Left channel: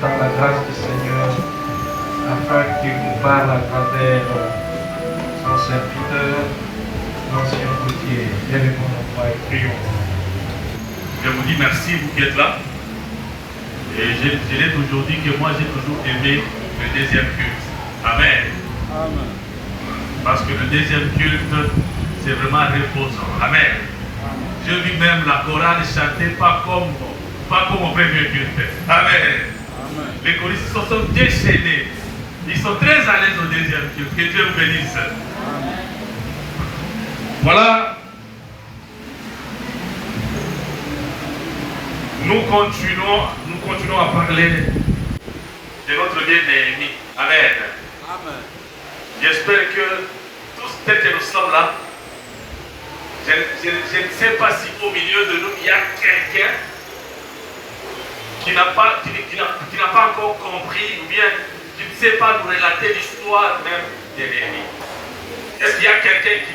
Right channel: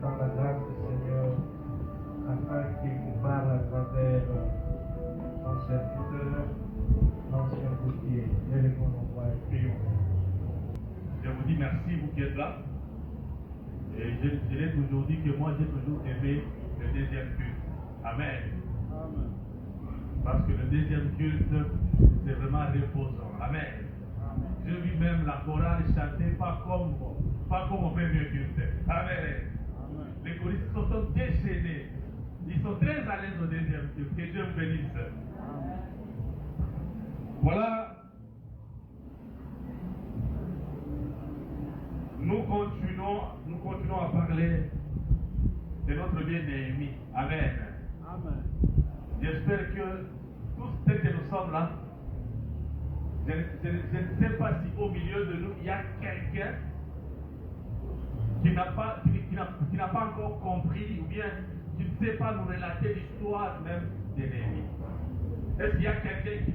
dans la grâce du Seigneur afin qu'il nous parle à travers son serviteur, l'ancien routier. Élevons nos voix et prions. Je vous dis merci, vous qui êtes là. Et je l'ai toujours dit que moi j'ai toujours aimé le deuxième culte. Amen. Amen. Parce que le deuxième culte, c'est vraiment reposant. Amen. Je vis même la chorale chanter pas comme au premier culte. Amen. Amen. Les choristes se sont déchaînés. Ils sont très à l'aise au deuxième culte. Que Dieu vous bénisse. Amen. Voilà. Nous continuons à parler de notre bien Néhémie. Amen. Amen. J'espère que tous tels que nous sommes là, je ne sais pas si au milieu de nous, il y a quelqu'un qui n'a pas encore compris ou bien qui ne sait pas nous relater l'histoire même de Néhémie. Est-ce qu'il y a quelqu'un qui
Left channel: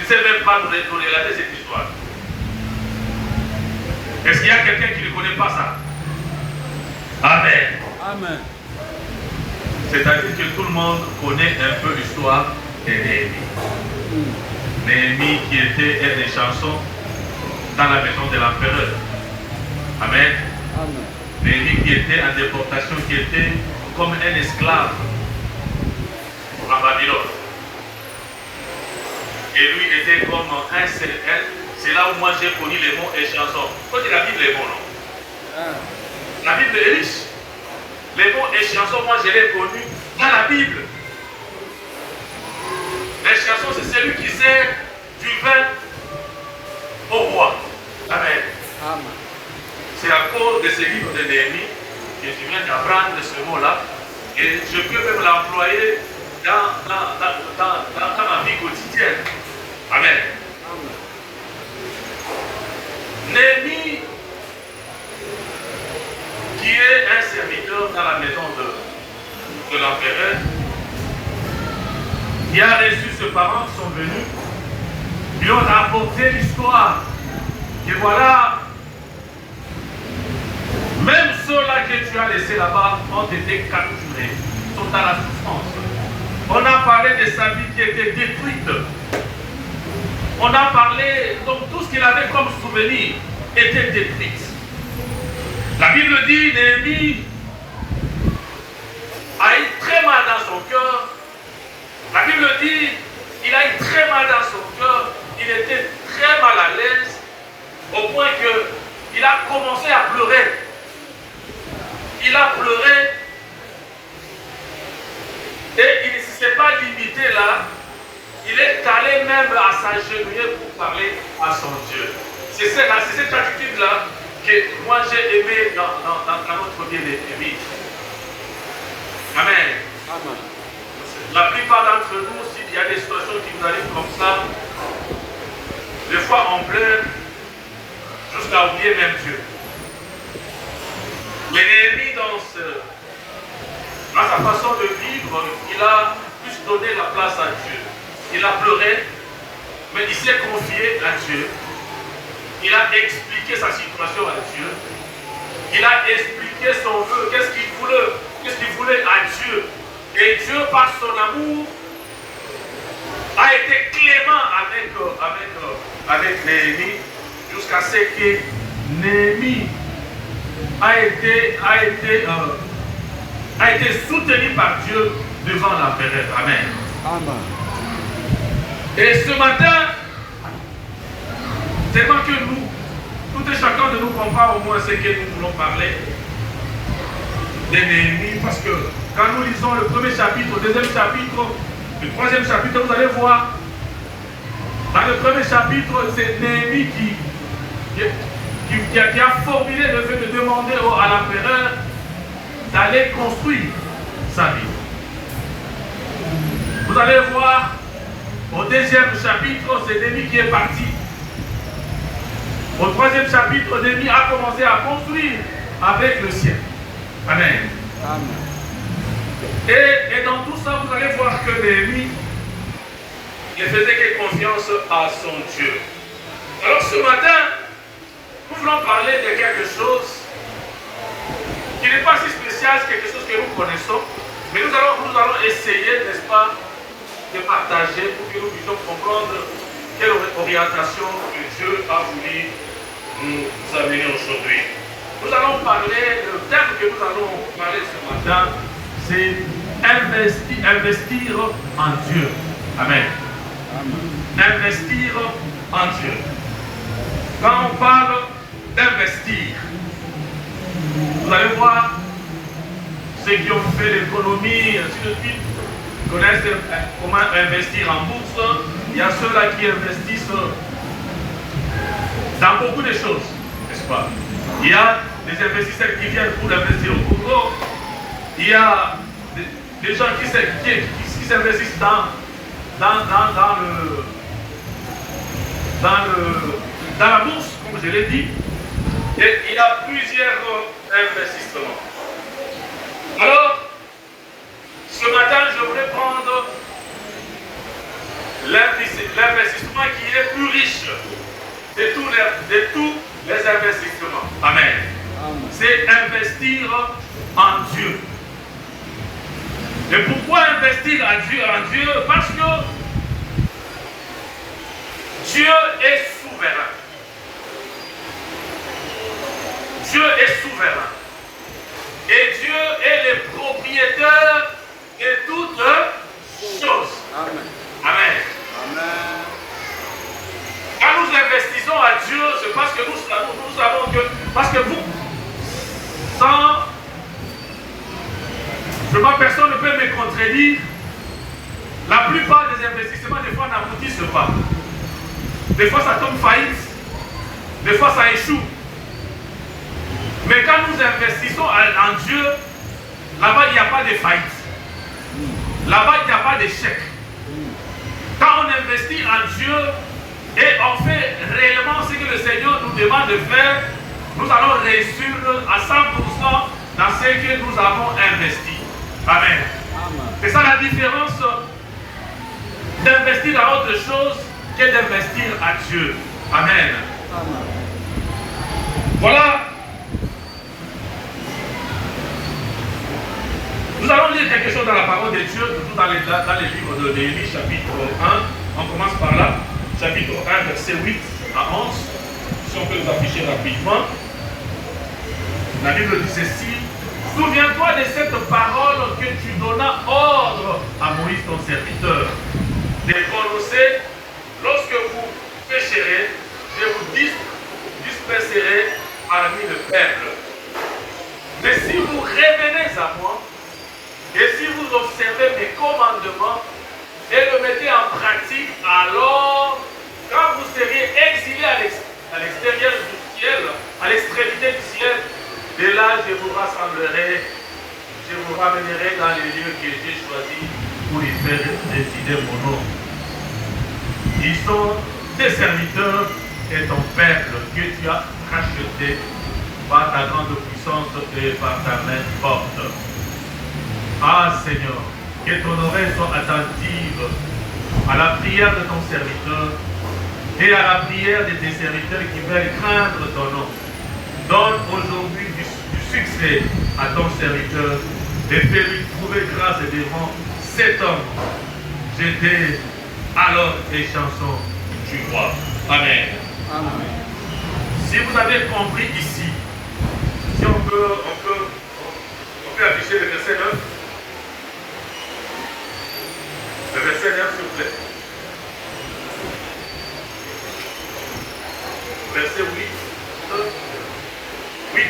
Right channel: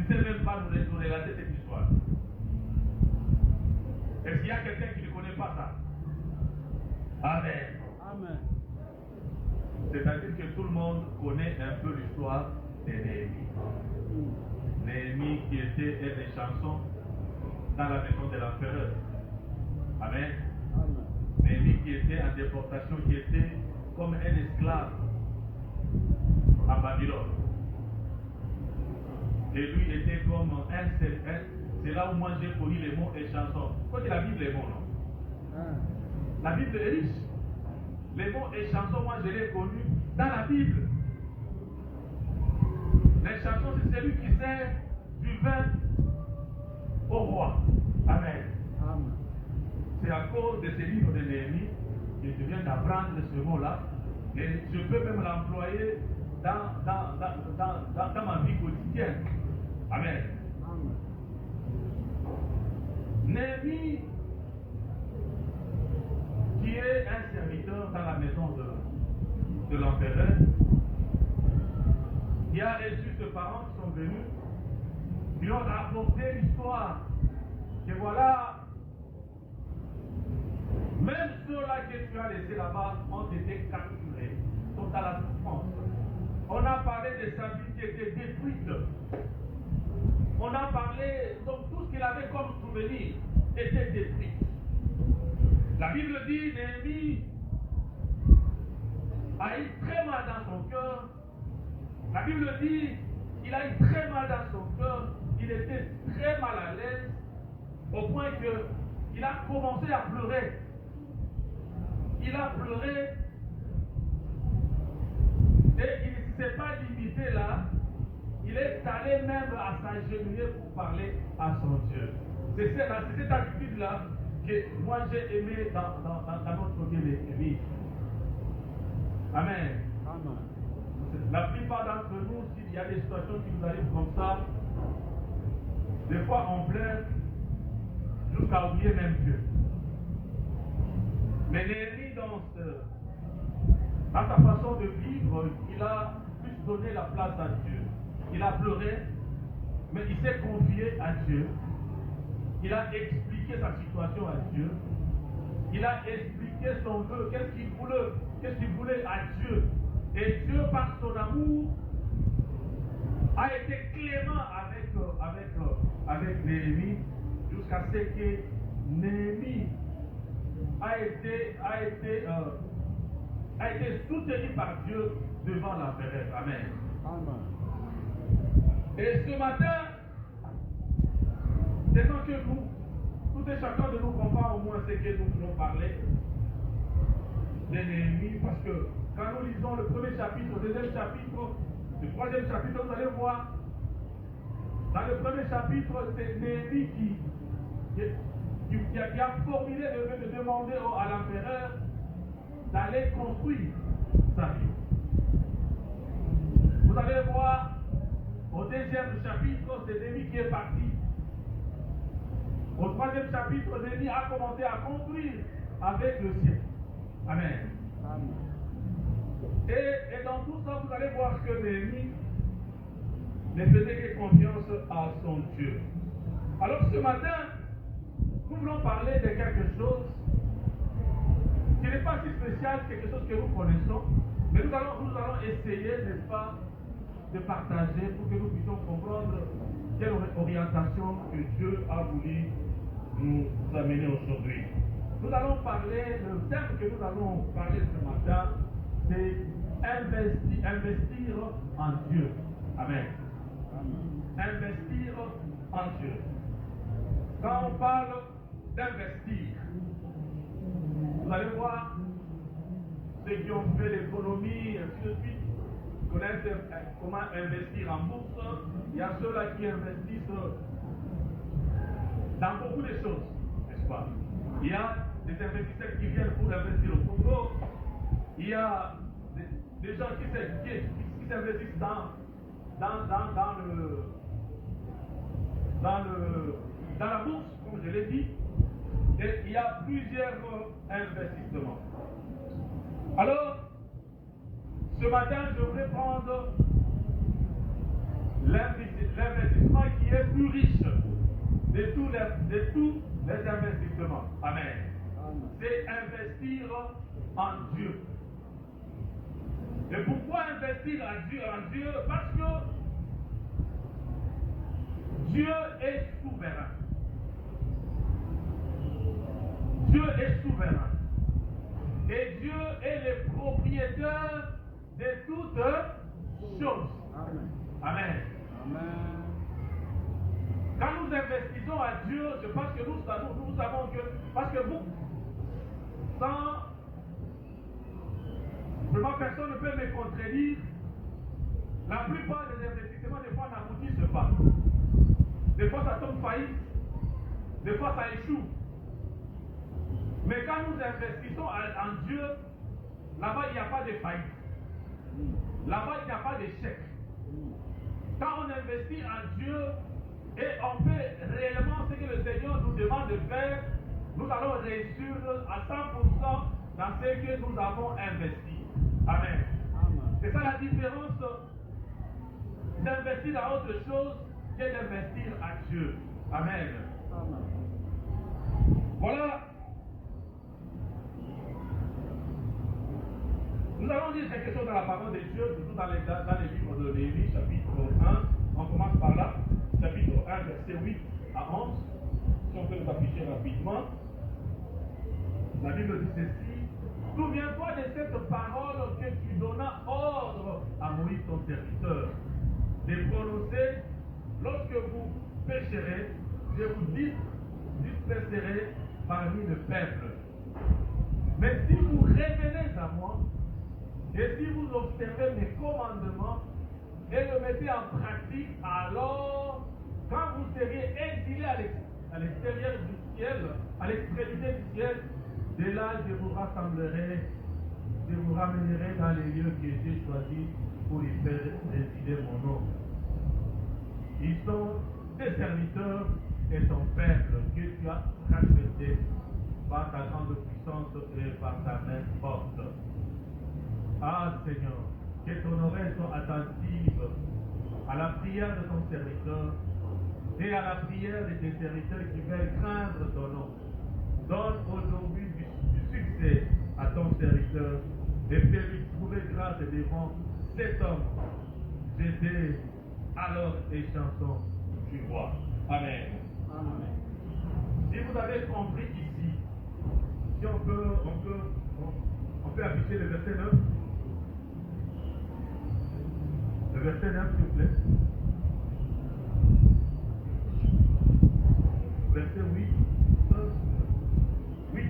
ne sait même pas nous relater cette histoire? Est-ce qu'il y a quelqu'un qui ne connaît pas ça? Amen. Amen. C'est-à-dire que tout le monde connaît un peu l'histoire de Néhémie. Néhémie qui était une des chansons dans la maison de l'empereur. Amen. Amen. Néhémie qui était en déportation, qui était comme un esclave en Babylone. Et lui était comme un seul. C'est là où moi j'ai connu les mots et chansons. Quand il la Bible est bon, non? La Bible est riche. Les mots et chansons, moi je l'ai connu dans la Bible. Les chansons, c'est celui qui sert du vin au roi. Amen. Amen. C'est à cause de ce livre de Néhémie que je viens d'apprendre ce mot-là. Et je peux même l'employer dans ma vie quotidienne. Amen. Néhémie, qui est un serviteur dans la maison de l'empereur, qui a reçu ses parents qui sont venus, ils ont rapporté l'histoire. Et voilà, même ceux-là que tu as laissés là-bas ont été capturés, sont dans la souffrance. On a parlé de sa vie qui était détruite. On a parlé, donc tout ce qu'il avait comme souvenir était détruit. La Bible dit, Néhémie a eu très mal dans son cœur. La Bible dit, il a eu très mal dans son cœur. Il était très mal à l'aise, au point qu'il a commencé à pleurer. Il a pleuré et il ne s'est pas limité là. Il est allé même à s'agenouiller pour parler à son Dieu. C'est cette attitude-là que moi j'ai aimé dans notre bien-aimé. Amen. Amen. La plupart d'entre nous, s'il y a des situations qui nous arrivent comme ça, des fois on pleure jusqu'à oublier même Dieu. Mais Néhémie, dans sa façon de vivre, il a plus donné la place à Dieu. Il a pleuré, mais il s'est confié à Dieu. Il a expliqué sa situation à Dieu. Il a expliqué son vœu, qu'est-ce qu'il voulait à Dieu. Et Dieu, par son amour, a été clément avec Néhémie, jusqu'à ce que Néhémie a été soutenu par Dieu devant l'empereur. Amen. Amen. Et ce matin, tellement que nous, tout et chacun de nous comprend au moins ce que nous voulons parler de Néhémie, parce que quand nous lisons le premier chapitre, le deuxième chapitre, le troisième chapitre, vous allez voir, dans le premier chapitre, c'est Néhémie qui a formulé le fait de demander à l'empereur d'aller construire sa ville. Vous allez voir, au deuxième chapitre, c'est Néhémie qui est parti. Au troisième chapitre, Néhémie a commencé à construire avec le ciel. Amen. Amen. Et dans tout ça, vous allez voir que Néhémie ne faisait que confiance à son Dieu. Alors ce matin, nous voulons parler de quelque chose qui n'est pas si spécial, c'est quelque chose que nous connaissons, mais nous allons essayer, n'est-ce pas, de partager pour que nous puissions comprendre quelle orientation que Dieu a voulu nous amener aujourd'hui. Nous allons parler, le thème que nous allons parler ce matin, c'est investir en Dieu. Amen. Investir en Dieu. Quand on parle d'investir, vous allez voir ceux qui ont fait l'économie, ainsi de suite, connaissent comment investir en bourse. Il y a ceux-là qui investissent dans beaucoup de choses, n'est-ce pas? Il y a des investisseurs qui viennent pour investir au Congo. Il y a des gens qui s'investissent dans la bourse, comme je l'ai dit. Et il y a plusieurs investissements. Alors, ce matin, je voudrais prendre l'investissement qui est plus riche de tous les investissements. Amen. C'est investir en Dieu. Et pourquoi investir en Dieu? Parce que Dieu est souverain. Dieu est souverain. Et Dieu est le propriétaire de toutes choses. Amen. Amen. Amen. Quand nous investissons à Dieu, c'est parce que nous savons que, parce que vous, sans, personne ne peut me contredire, la plupart des investissements, des fois, n'aboutissent pas. Des fois, ça tombe faillite. Des fois, ça échoue. Mais quand nous investissons en Dieu, là-bas, il n'y a pas de faillite. Là-bas, il n'y a pas d'échec. Quand on investit en Dieu et on fait réellement ce que le Seigneur nous demande de faire, nous allons réussir à 100% dans ce que nous avons investi. Amen. C'est ça la différence d'investir dans autre chose que d'investir à Dieu. Amen. Voilà. Nous allons lire quelque chose dans la parole de Dieu, surtout dans les livres de Néhémie, chapitre 1. On commence par là. Chapitre 1, verset 8 à 11. Si on peut nous afficher rapidement. La Bible dit ceci. Souviens-toi de cette parole que tu donnas ordre à Moïse, ton serviteur, de prononcer: lorsque vous pécherez, je vous disperserai parmi le peuple. Mais si vous revenez à moi, et si vous observez mes commandements et le mettez en pratique, alors, quand vous serez exilés à l'extérieur du ciel, à l'extrémité du ciel, de là je vous rassemblerai, je vous ramènerai dans les lieux que j'ai choisis pour y faire résider mon nom. Ils sont tes serviteurs et ton peuple que tu as racheté par ta grande puissance et par ta main forte. Ah Seigneur, que ton oreille soit attentive à la prière de ton serviteur et à la prière de tes serviteurs qui veulent craindre ton nom. Donne aujourd'hui du succès à ton serviteur et fais-lui trouver grâce devant cet homme. J'étais alors les chansons du roi. Amen. Amen. Si vous avez compris ici, si on peut afficher le verset 9. Le verset 9, s'il vous plaît. Verset 8. Oui.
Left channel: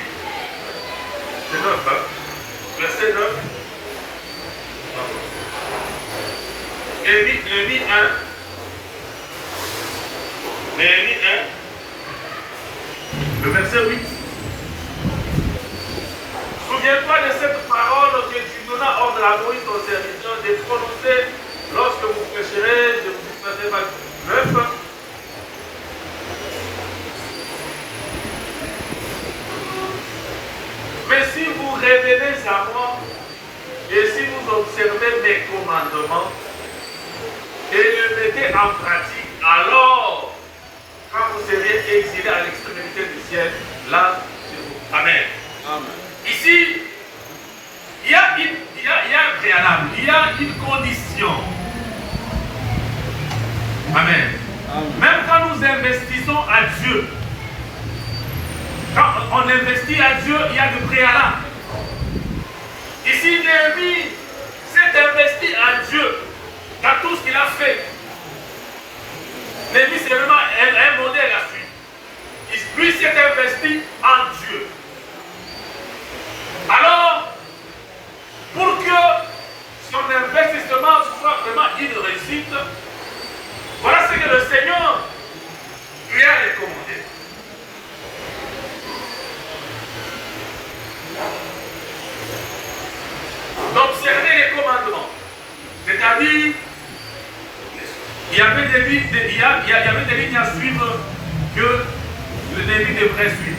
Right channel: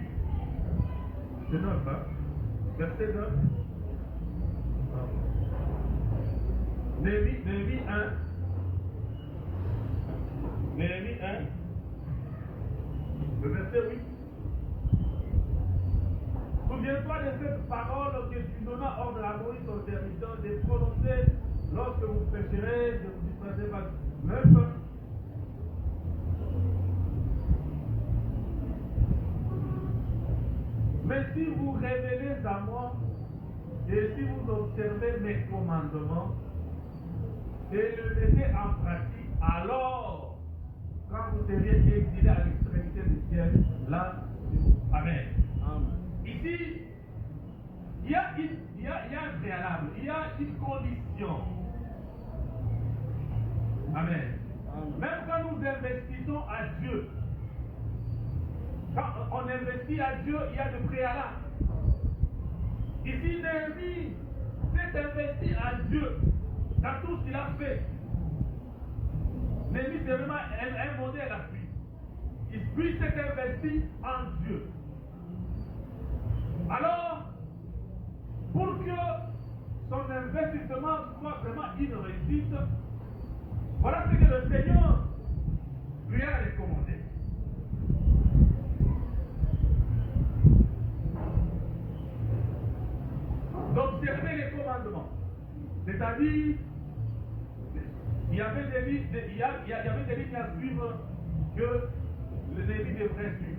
C'est 9, hein? Verset 9. Néhémie 1. Néhémie 1. Le verset 8. Souviens-toi de cette parole que tu donnas ordre à Moïse, ton serviteur, de prononcer lorsque vous pécherez, je vous disperserai par 9. Mais si vous revenez à moi, et si vous observez mes commandements, et le mettez en pratique, alors, quand vous serez exilés à l'extrémité du ciel, là, Amen. Amen. Ici, préalable, il y a une condition. Amen. Même quand nous investissons à Dieu, quand on investit à Dieu, il y a de préalable. Ici, Néhémie s'est investi à Dieu dans tout ce qu'il a fait. Néhémie, c'est vraiment un modèle à suivre. Lui s'est investi en Dieu. Alors, pour que son investissement soit vraiment une réussite, voilà ce que le Seigneur lui a recommandé. D'observer les commandements. C'est-à-dire, il y avait des lignes à suivre que le Néhémie devrait suivre.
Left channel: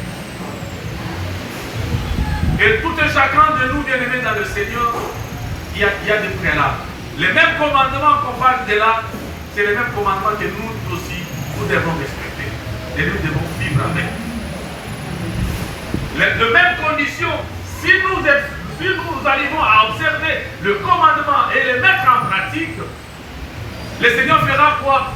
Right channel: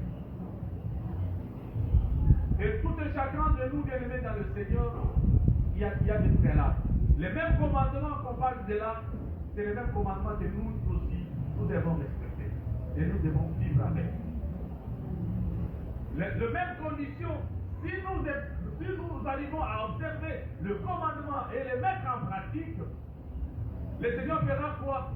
Et tout et chacun de nous, bien-aimés dans le Seigneur, il y a des préalables. Les mêmes commandements qu'on parle de là, c'est les mêmes commandements que nous aussi, nous devons respecter. Et nous devons vivre avec. Les mêmes conditions, si nous arrivons à observer le commandement et le mettre en pratique, le Seigneur fera quoi?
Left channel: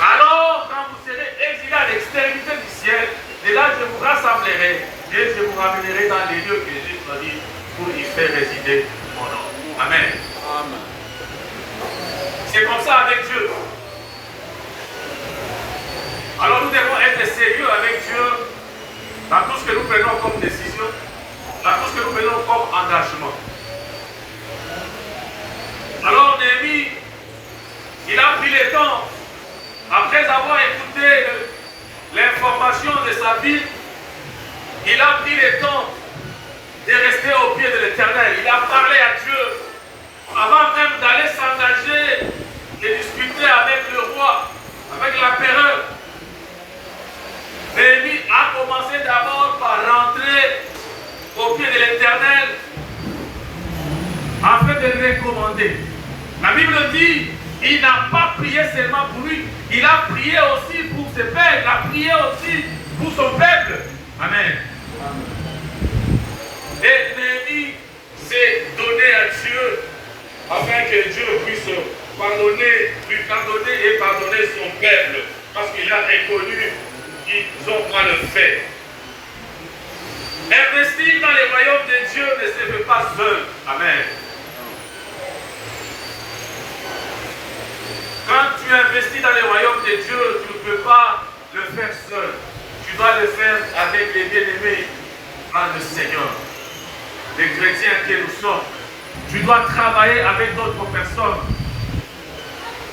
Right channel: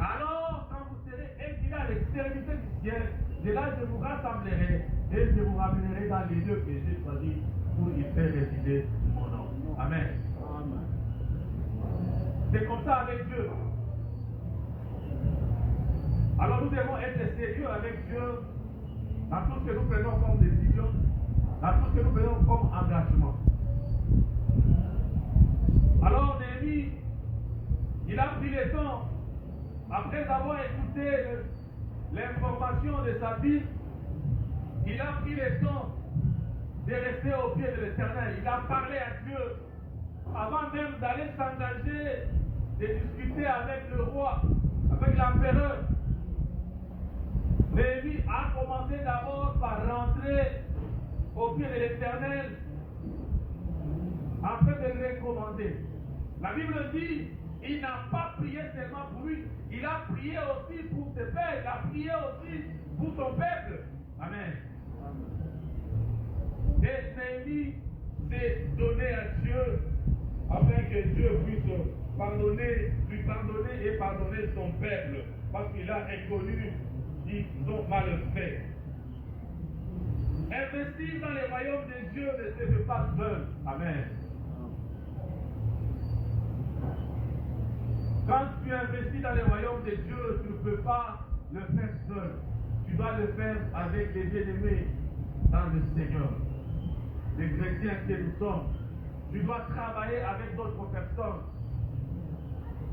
Alors, quand vous serez exilés à l'extrémité du ciel, de là je vous rassemblerai et je vous ramènerai dans les lieux que j'ai choisis pour y faire résider mon nom. Amen. Amen. C'est comme ça avec Dieu. Alors nous devons être sérieux avec Dieu dans tout ce que nous prenons comme décision, dans tout ce que nous prenons comme engagement. Alors Néhémie, il a pris le temps, après avoir écouté l'information de sa vie, il a pris le temps de rester au pied de l'Éternel. Il a parlé à Dieu avant même d'aller s'engager, de discuter avec le roi, avec l'empereur. Néhémie a commencé d'abord par rentrer au pied de l'Éternel afin de le recommander. La Bible dit, il n'a pas prié seulement pour lui, il a prié aussi pour ses pères, il a prié aussi pour son peuple. Amen. Et Néhémie s'est donné à Dieu afin que Dieu puisse pardonner, lui pardonner et pardonner son peuple, parce qu'il a reconnu qu'ils ont mal fait. Investir dans les royaumes de Dieu ne se fait pas seul. Amen. Quand tu investis dans les royaumes de Dieu, tu ne peux pas le faire seul. Tu dois le faire avec les bien-aimés dans le Seigneur. Les chrétiens que nous sommes. Tu dois travailler avec d'autres personnes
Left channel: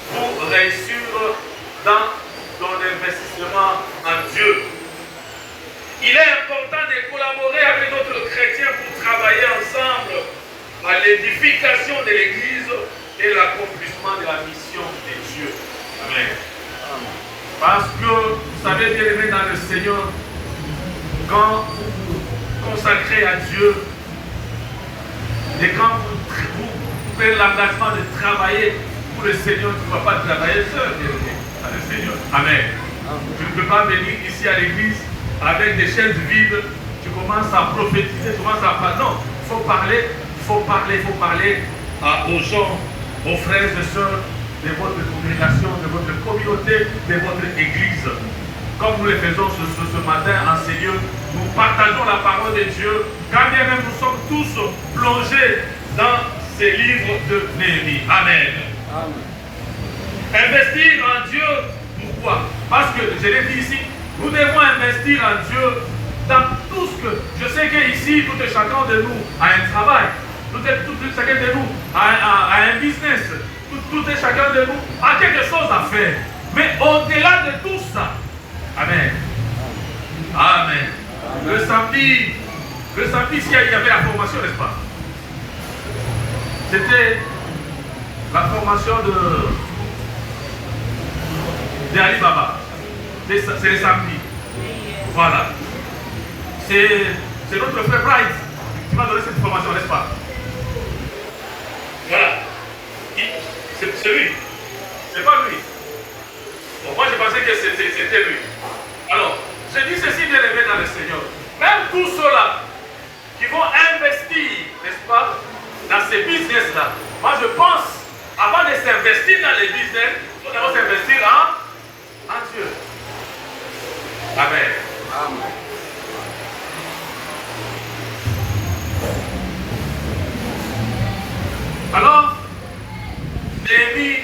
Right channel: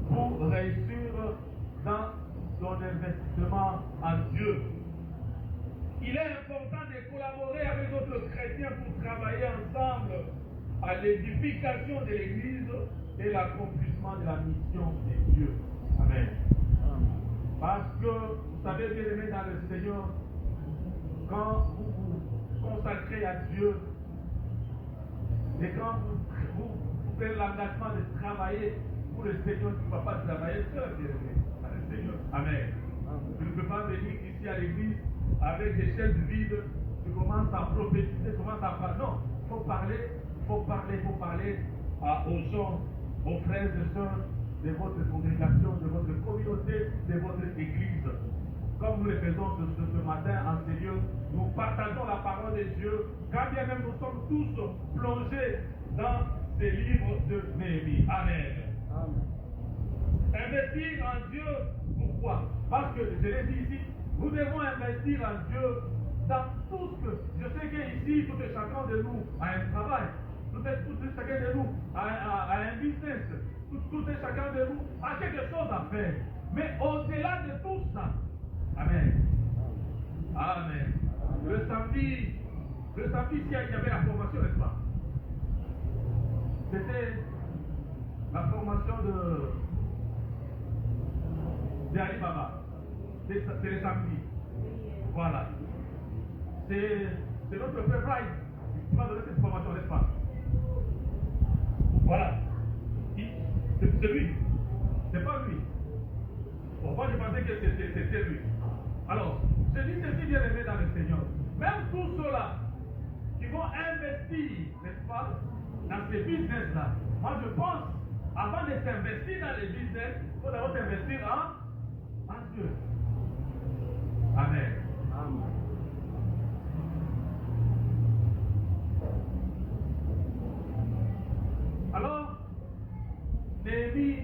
pour réussir dans ton investissement en Dieu. Il est important de collaborer avec d'autres chrétiens pour travailler ensemble à l'édification de l'Église et l'accomplissement de la mission de Dieu. Amen. Parce que, vous savez, bien aimé dans le Seigneur, quand vous vous consacrez à Dieu et quand vous prenez l'engagement de travailler pour le Seigneur, tu ne vas pas travailler seul, bien aimé, dans le Seigneur. Amen. Tu ne peux pas venir ici à l'église avec des chaises vides, tu commences à prophétiser, tu commences à parler. Non, il faut parler, aux gens, aux frères et sœurs de votre congrégation, de votre communauté, de votre église. Comme nous le faisons ce matin en ces lieux, nous partageons la parole de Dieu, quand bien même nous sommes tous plongés dans ces livres de Néhémie. Amen. Amen. Investir en Dieu, pourquoi? Parce que, je l'ai dit ici, nous devons investir en Dieu dans tout ce que... Je sais qu'ici, tout et chacun de nous a un travail, tout et chacun de nous a un business, tout et chacun de nous a quelque chose à faire. Mais au-delà de tout ça, Amen. Amen. Le samedi, il y avait la formation, n'est-ce pas? C'était la formation de Ali Baba. C'est le samedi. Voilà. C'est notre frère Bright qui m'a donné cette formation, n'est-ce pas? Voilà. C'est lui. C'est pas lui. Bon, moi, je pensais que c'était lui. Alors, je dis ceci, bien aimé dans le Seigneur. Même tout cela, qui vont investir, n'est-ce pas, dans ces business-là. Moi, je pense, avant de s'investir dans les business, il faut d'abord s'investir en Dieu. Amen. Amen. Alors, Néhémie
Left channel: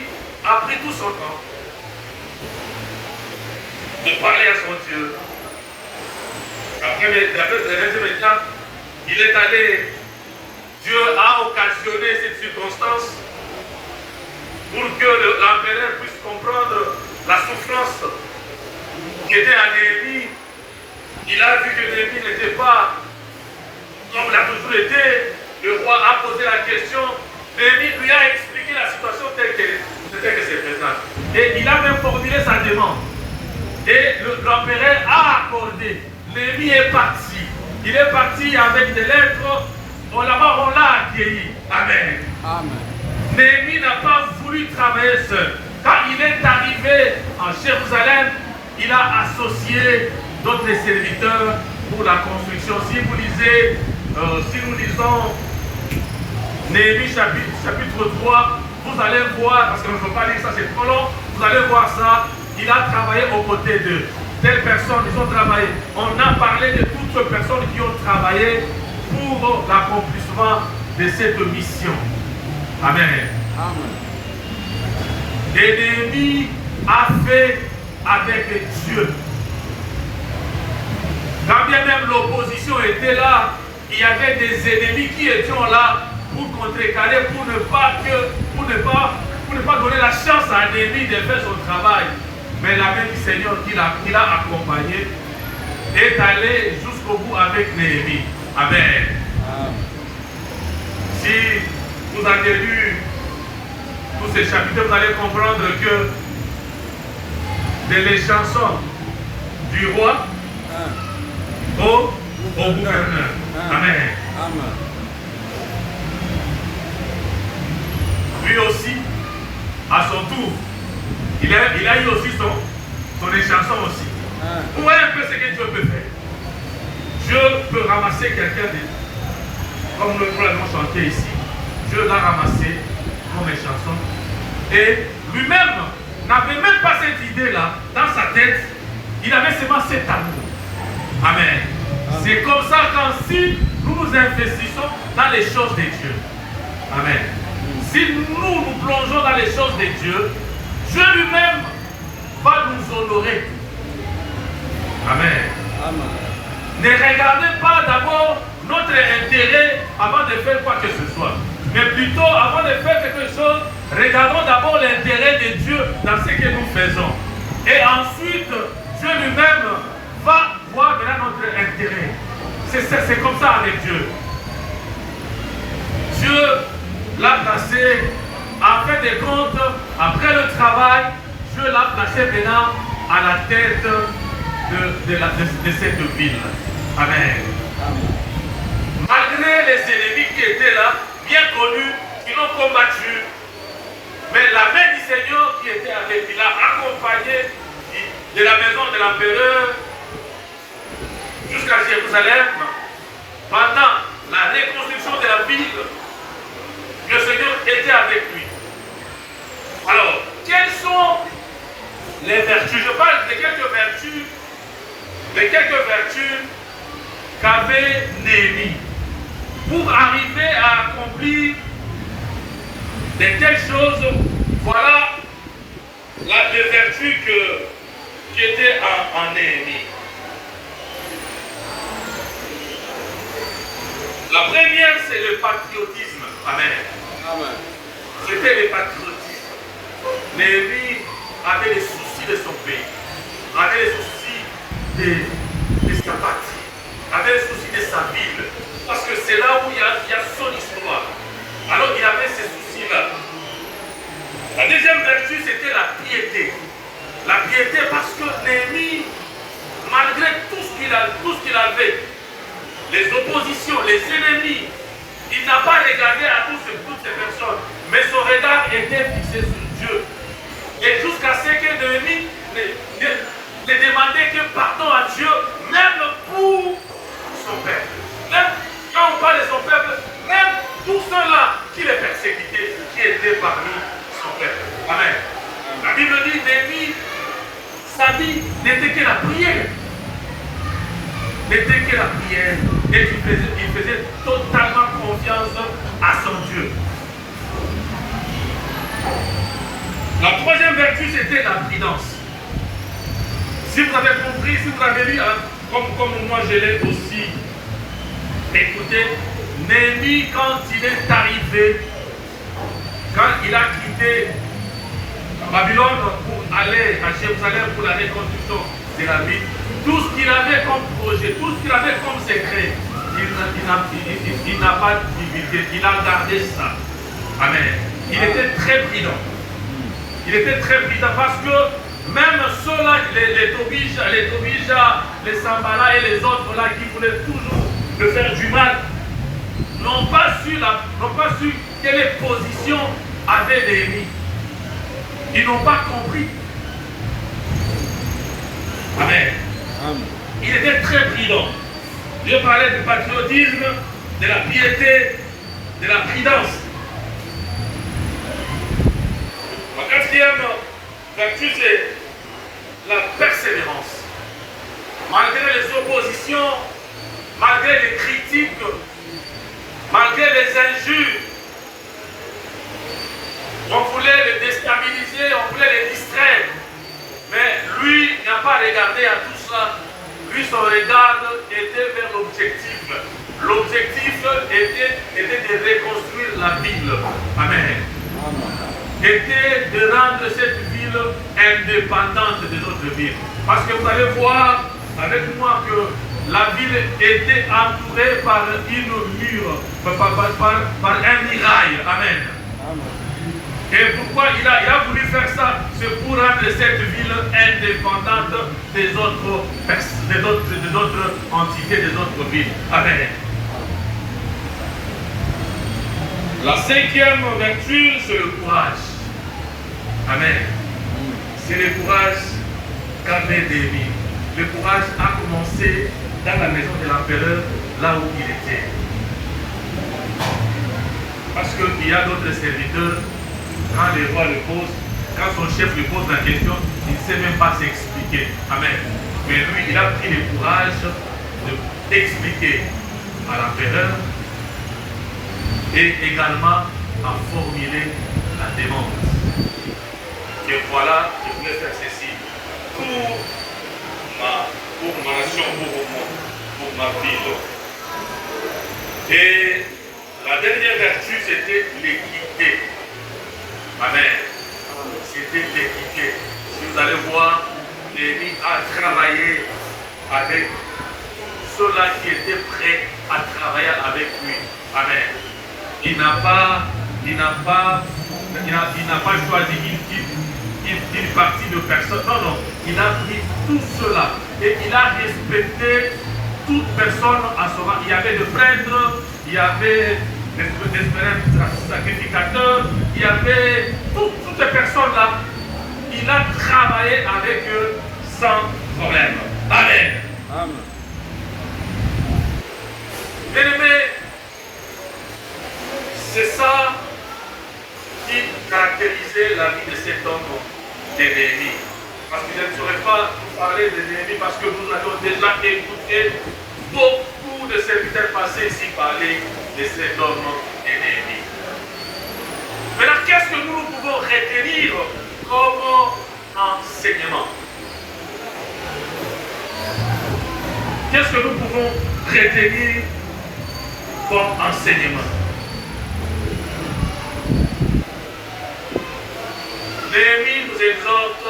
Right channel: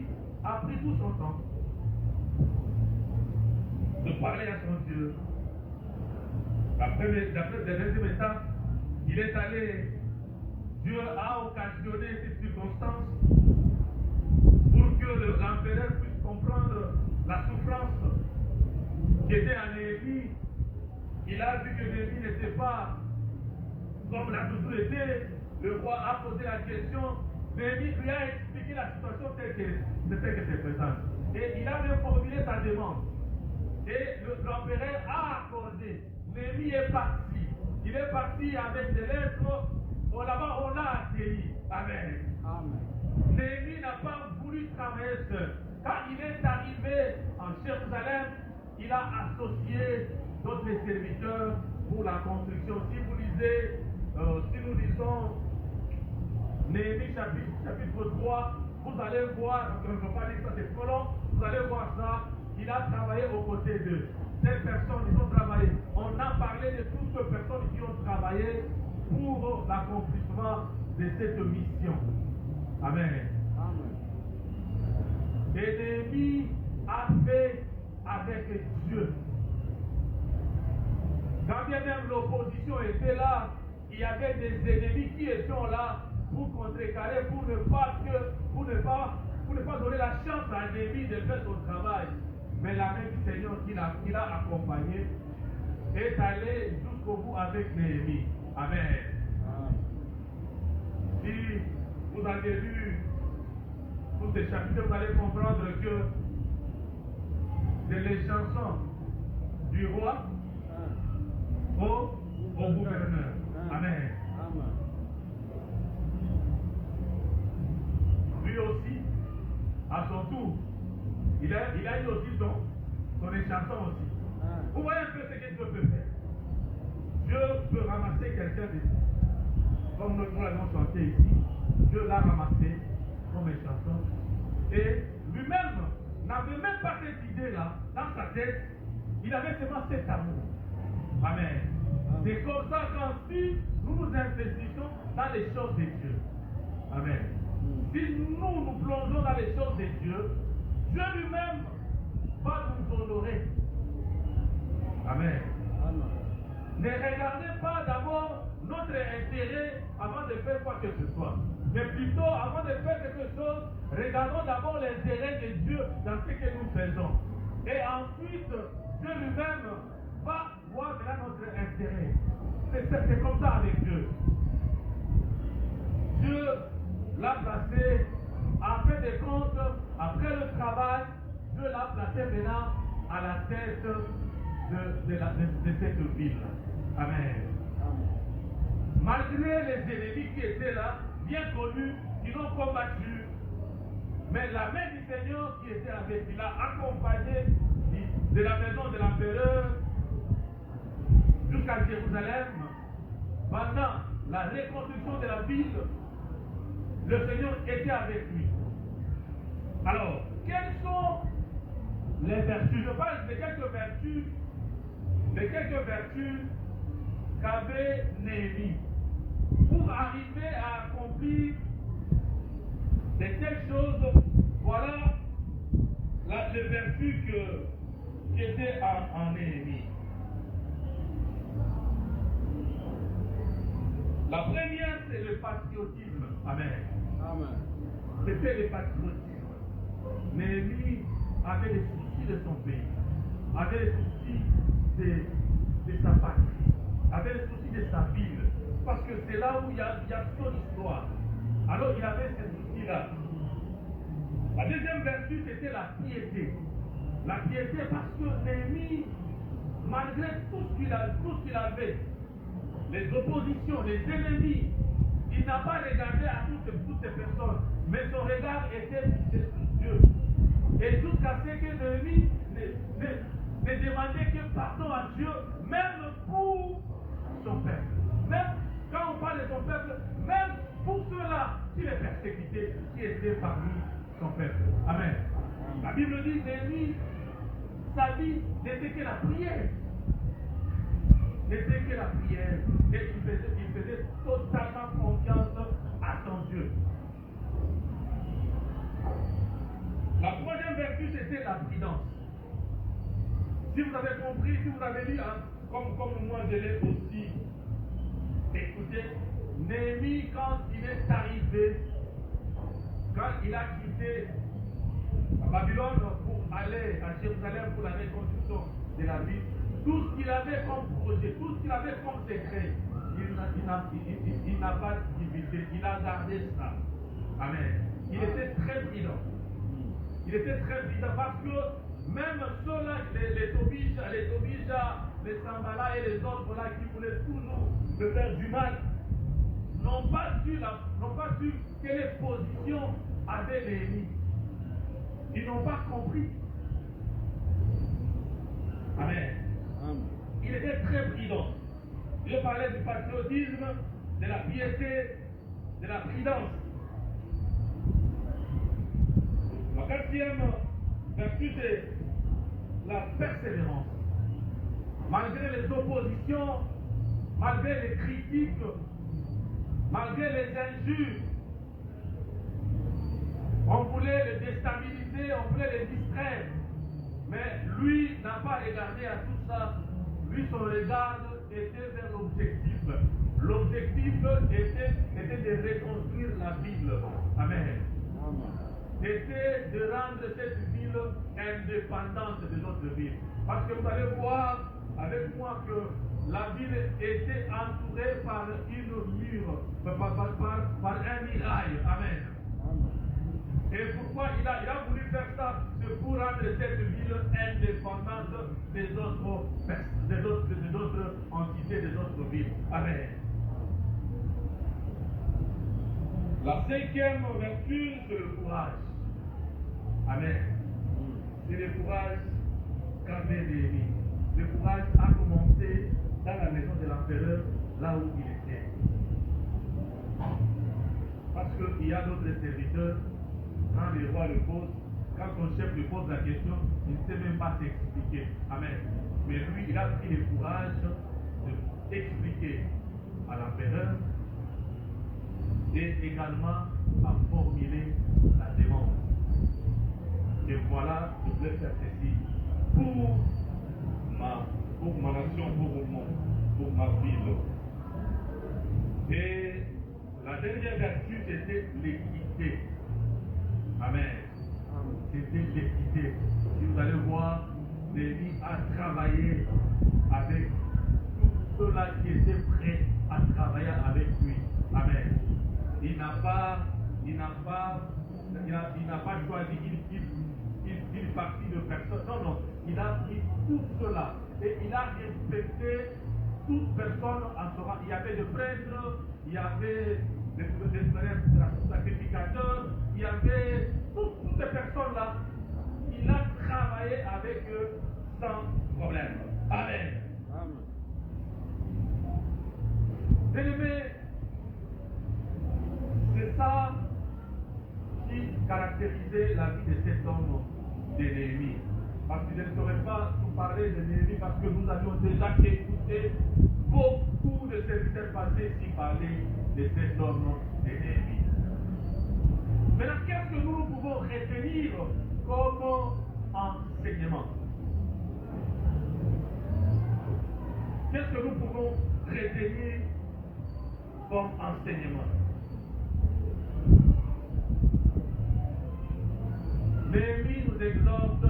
a pris tout son temps de parler à son Dieu. Après le deuxième étape, il est allé, Dieu a occasionné cette circonstance pour que l'empereur puisse comprendre la souffrance qui était à Néhémie. Il a vu que Néhémie n'était pas comme il a toujours été. Le roi a posé la question. Néhémie lui a expliqué la situation telle que c'est présent. Et il a même formulé sa demande. Et l'empereur a accordé. Néhémie est parti. Il est parti avec des lettres. Là-bas, on l'a accueilli. Amen. Amen. Néhémie n'a pas voulu travailler seul. Quand il est arrivé en Jérusalem, il a associé d'autres serviteurs pour la construction. Si vous lisez, si nous lisons Néhémie chapitre 3, vous allez voir, parce que je ne peux pas lire ça, c'est trop long, vous allez voir ça. Il a travaillé aux côtés d'eux. Telles personnes, ils ont travaillé. On a parlé de toutes ces personnes qui ont travaillé pour l'accomplissement de cette mission. Amen. Amen. Et Néhémie a fait avec Dieu. Quand bien même l'opposition était là, il y avait des ennemis qui étaient là pour contrecarrer, pour ne pas donner la chance à Néhémie de faire son travail. Mais la main du Seigneur qui l'a accompagné est allée jusqu'au bout avec Néhémie. Amen. Si vous avez lu tous ces chapitres, vous allez comprendre que les chansons du roi au gouverneur. Amen. Amen. Lui aussi, à son tour, il a eu aussi son échanson aussi. Vous voyez un peu ce que Dieu peut faire. Dieu peut ramasser quelqu'un comme nous l'avons chanté ici. Dieu l'a ramassé comme une chanson. Et lui-même n'avait même pas cette idée-là dans sa tête. Il avait seulement cet amour. Amen. C'est comme ça si nous nous investissons dans les choses de Dieu. Amen. Si nous plongeons dans les choses de Dieu, Dieu lui-même va nous honorer. Amen. Amen. Ne regardez pas d'abord notre intérêt avant de faire quoi que ce soit. Mais plutôt, avant de faire quelque chose, regardons d'abord l'intérêt de Dieu dans ce que nous faisons. Et ensuite, Dieu lui-même va voir maintenant notre intérêt. C'est comme ça avec Dieu. Dieu l'a placé, en fin de compte, après le travail, Dieu l'a placé maintenant à la tête de cette ville. Amen. Malgré les ennemis qui étaient là, bien connus, qui l'ont combattu, mais la main du Seigneur qui était avec, il l'a accompagné de la maison de l'empereur jusqu'à Jérusalem. Pendant la reconstruction de la ville, le Seigneur était avec lui. Alors, quelles sont les vertus? Je parle de quelques vertus qu'avait Néhémie pour arriver à accomplir de telles choses. Voilà les vertus qui étaient en Néhémie. La première, c'est le patriotisme. Amen. Amen. C'était le patriotisme. Néhémie avait les soucis de son pays, avait les soucis de sa patrie, avait les soucis de sa ville, parce que c'est là où il y a son histoire. Alors il avait ces soucis-là. La deuxième vertu, c'était la piété. La piété parce que Néhémie, malgré tout ce qu'il avait, les oppositions, les ennemis, il n'a pas regardé à toutes ces personnes, mais son regard était fixé sur Dieu. Et jusqu'à ce que Néhémie ne demandait que pardon à Dieu, même pour son père. Même quand Amen. La Bible dit, Néhémie, sa vie n'était que la prière. N'était que la prière. Et il faisait totalement confiance à son Dieu. La troisième vertu, c'était la prudence. Si vous avez compris, si vous avez lu, comme moi je l'ai aussi écouté, Néhémie, quand il est arrivé, quand il a quitté Babylone pour aller à Jérusalem pour la reconstruction de la ville, tout ce qu'il avait comme projet, tout ce qu'il avait comme secret, il n'a pas divulgué, il a gardé ça. Amen. Il était très prudent. Il était très prudent parce que même ceux-là, les Tobija, les Sambala et les autres là qui voulaient toujours le faire du mal, n'ont pas su quelle position avait Néhémie. Ils n'ont pas compris. Amen. Il était très prudent. Je parlais du patriotisme, de la piété, de la prudence. Ma quatrième vertu, c'est la persévérance. Malgré les oppositions, malgré les critiques, malgré les injures, on voulait le déstabiliser, on voulait le distraire. Mais lui n'a pas regardé à tout ça. Lui, son regard était vers l'objectif. L'objectif était de reconstruire la ville. Amen. Était de rendre cette ville indépendante des autres villes. Parce que vous allez voir avec moi que la ville était entourée par une mur, par un mirail. Amen. Et pourquoi il a voulu faire ça? C'est pour rendre cette ville indépendante des autres entités, des autres villes. Amen. La cinquième vertu, c'est le courage. Amen. C'est le courage qu'avait Néhémie. Le courage a commencé dans la maison de l'empereur, là où il était. Parce qu'il y a d'autres serviteurs, quand le roi le pose, quand son chef lui pose la question, il ne sait même pas s'expliquer. Amen. Mais lui, il a pris le courage d'expliquer à l'empereur et également à formuler la demande. Et voilà, je voulais faire ceci pour ma nation, pour ma ville. Et la dernière vertu, c'était l'équité. Amen. C'était l'équité. Si vous allez voir, Néhémie a travaillé avec ceux-là qui étaient prêts à travailler avec lui. Amen. Il n'a pas choisi une partie de personnes. Non, non. Il a pris tout cela et il a respecté toute personne à son rang. Il y avait des prêtres, il y avait des sacrificateurs, il y avait toutes ces personnes-là. Il a travaillé avec eux sans problème. Amen. Amen. Bien-aimés, c'est ça qui caractérisait la vie de cet homme de Néhémie. Parce que je ne saurais pas vous parler de Néhémie parce que nous avons déjà écouté beaucoup de serviteurs passés ici parler de cet homme de Néhémie. Maintenant, qu'est-ce que nous pouvons retenir comme enseignement? Qu'est-ce que nous pouvons retenir comme enseignement? Néhémie nous exhorte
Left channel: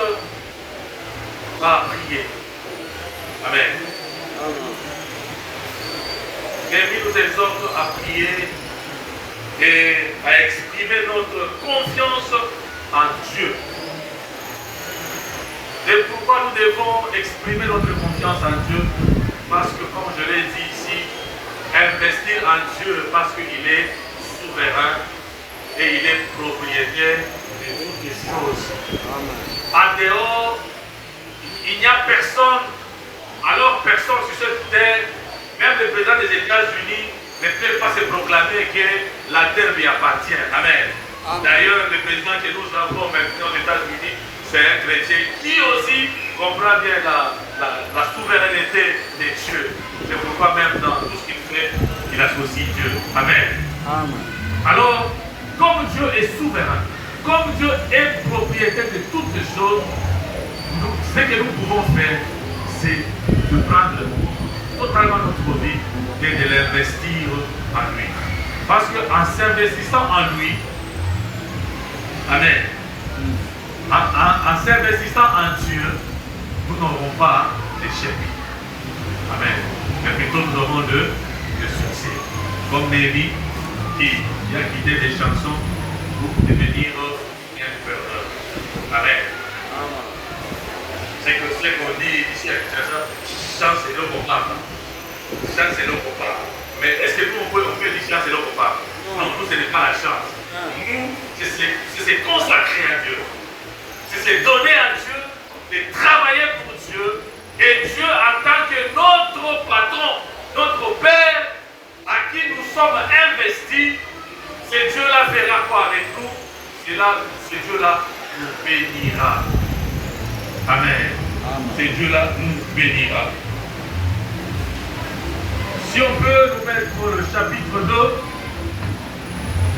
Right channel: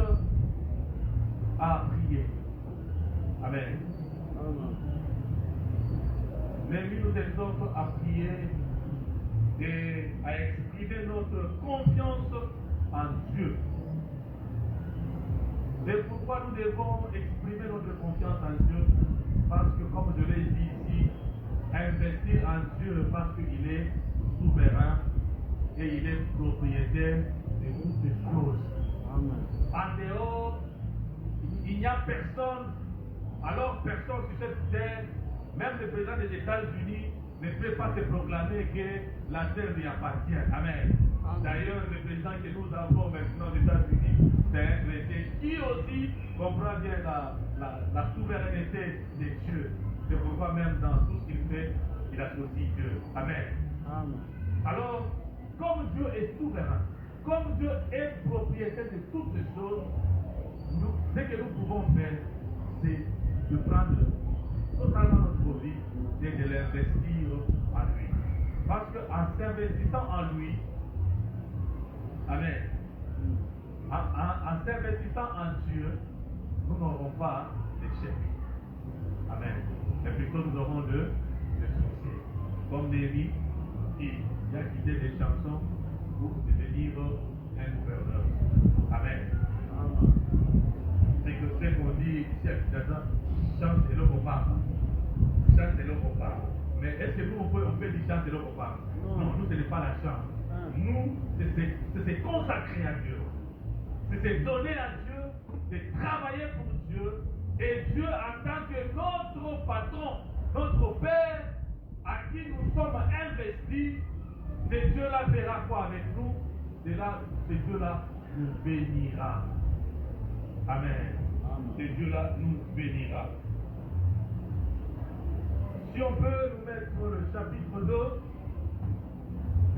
à prier. Amen. Néhémie nous exhorte à prier et à exprimer notre confiance en Dieu. Et pourquoi nous devons exprimer notre confiance en Dieu? Parce que, comme je l'ai dit ici, investir en Dieu parce qu'il est souverain et il est propriétaire de toutes les choses. En dehors, il n'y a personne, alors personne sur cette terre, même le président des États-Unis, ne peut pas se proclamer que la terre lui appartient. Amen. D'ailleurs, le président que nous avons maintenant aux États-Unis, c'est un chrétien qui aussi comprend bien la souveraineté de Dieu. C'est pourquoi même dans tout ce qu'il fait, il associe Dieu. Amen. Alors, comme Dieu est souverain, comme Dieu est propriétaire de toutes les choses, ce que nous pouvons faire, c'est de prendre totalement notre vie et de l'investir en lui. Parce qu'en s'investissant en lui, amen, en s'investissant en Dieu, nous n'aurons pas d'échec. Amen. Mais plutôt nous aurons de succès. Comme Néhémie qui a quitté des chansons pour devenir un gouverneur. Amen. C'est que ce qu'on dit ici à Kinshasa, chance c'est le combat. Chance c'est le combat. Mais est-ce que nous on peut dire chance c'est le combat? Non, nous ce n'est pas la chance. Nous, c'est se consacrer à Dieu. C'est se donner à Dieu, de travailler pour Dieu. Et Dieu en tant que notre patron, notre Père, à qui nous sommes investis, ce Dieu-là fera quoi avec nous? Ce Dieu-là nous bénira. Amen. Ce Dieu-là nous bénira. Si on peut nous mettre le chapitre